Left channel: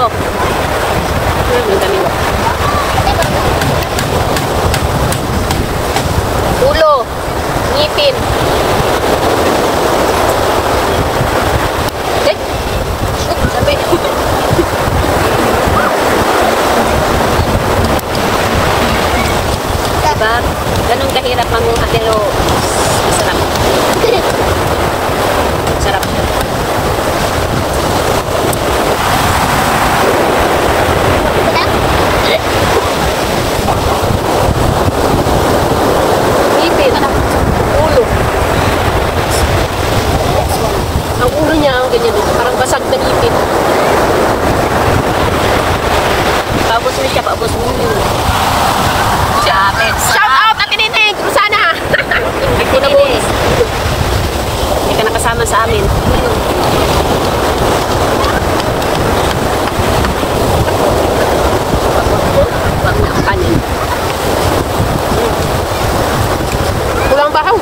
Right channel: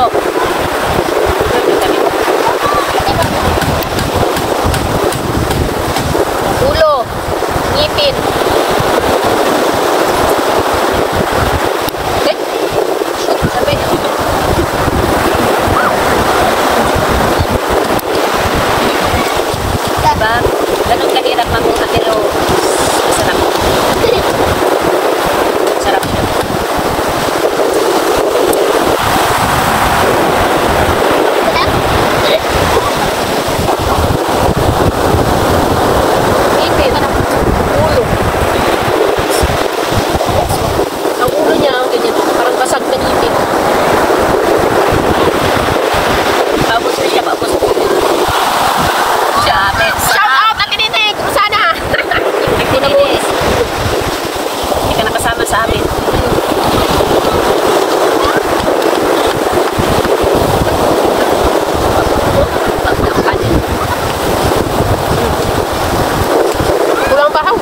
ulo. Ulo, ngipin. Sabi. Diba? Ganun kahirap manguha pero masarap. Sarap. Sa amin. Pulang bahaw.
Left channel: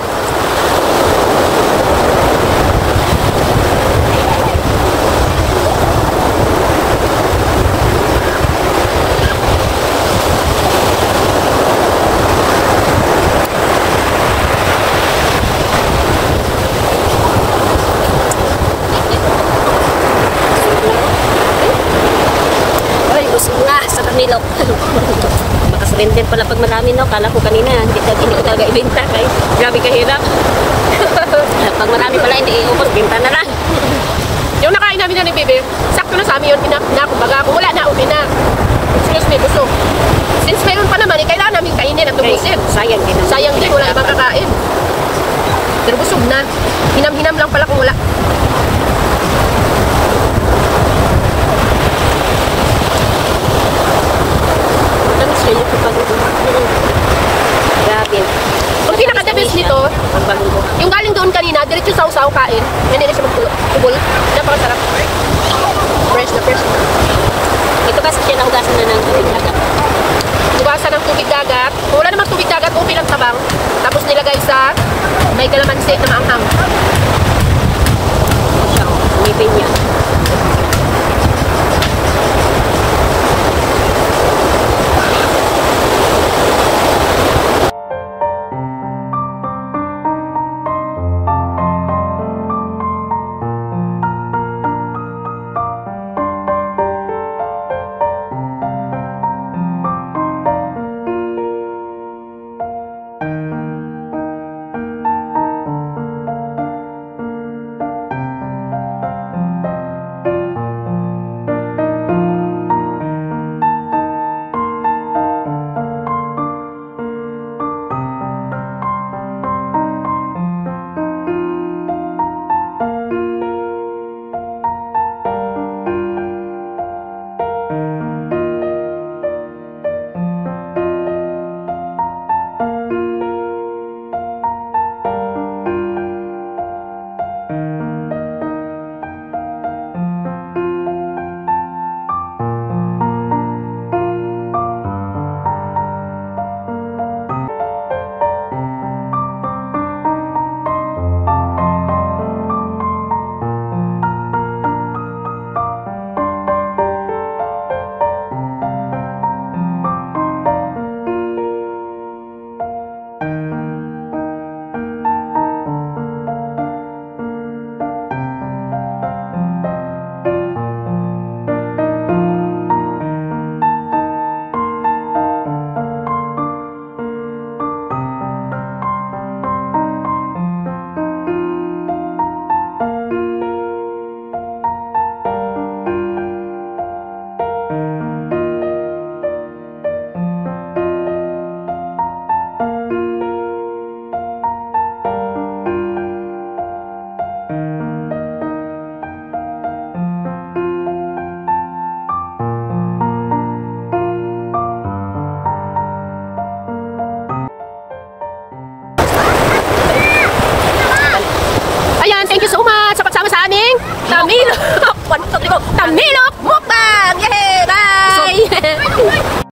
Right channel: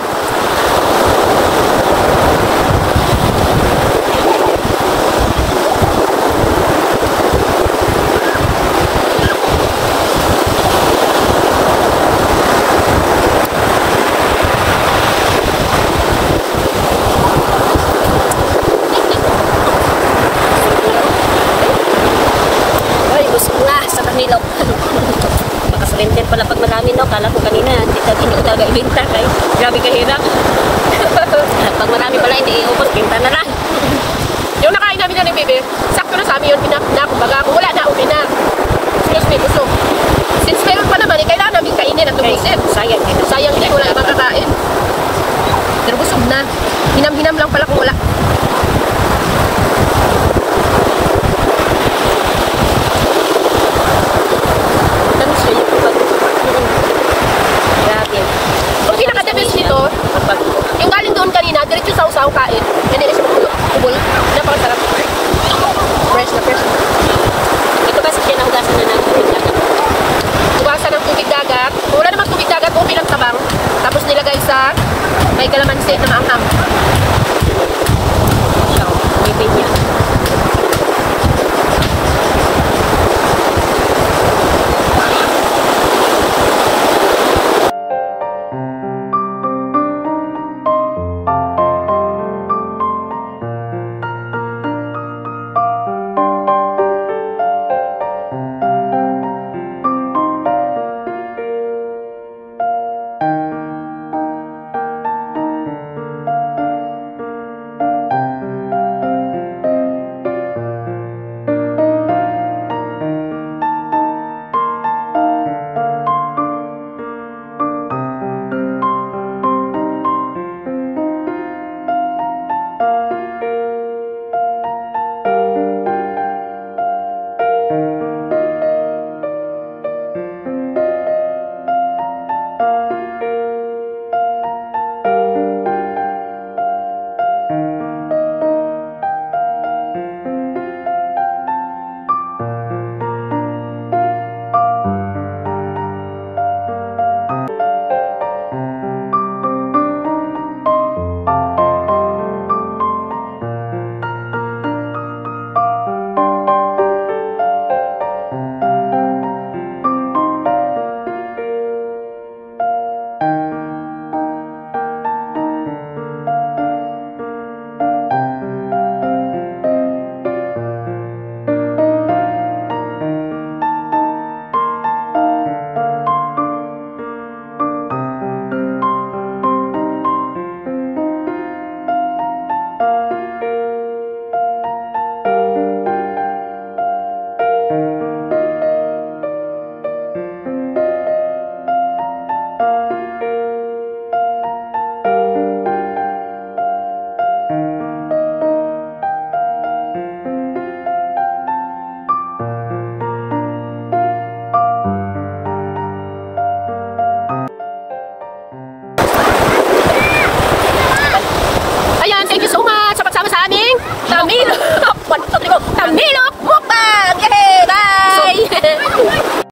Makasabenter pala pag marami, no? Kala ko kanina, hindi ka ibenta. Grabe kahirap. Pag marami pala, hindi iubos, binta na lang. Yung nakain namin ni Bebe, sakto na sa amin yun, kumbaga, kung wala na, okay na. Sinus may gusto. Since meron pa naman, kailangan namin kainin at tubusin. Sayang din. Sayang din, wala ibang kakain. Pero busog na. Hinam-hinam lang pala kung wala. Grabe. Ang pinakadamis nito, yung galing doon kanina, diretso sa usaw kain. May nila sa kubol. Napakasarap. Fresh na fresh. Ito kasi siya nahugasan nyo ng tubig dagat. Hugasan ng tubig dagat. Kung wala namang tubig dagat, okay lang tabang. Tapos nilagay sa may kalamansi na maanghang.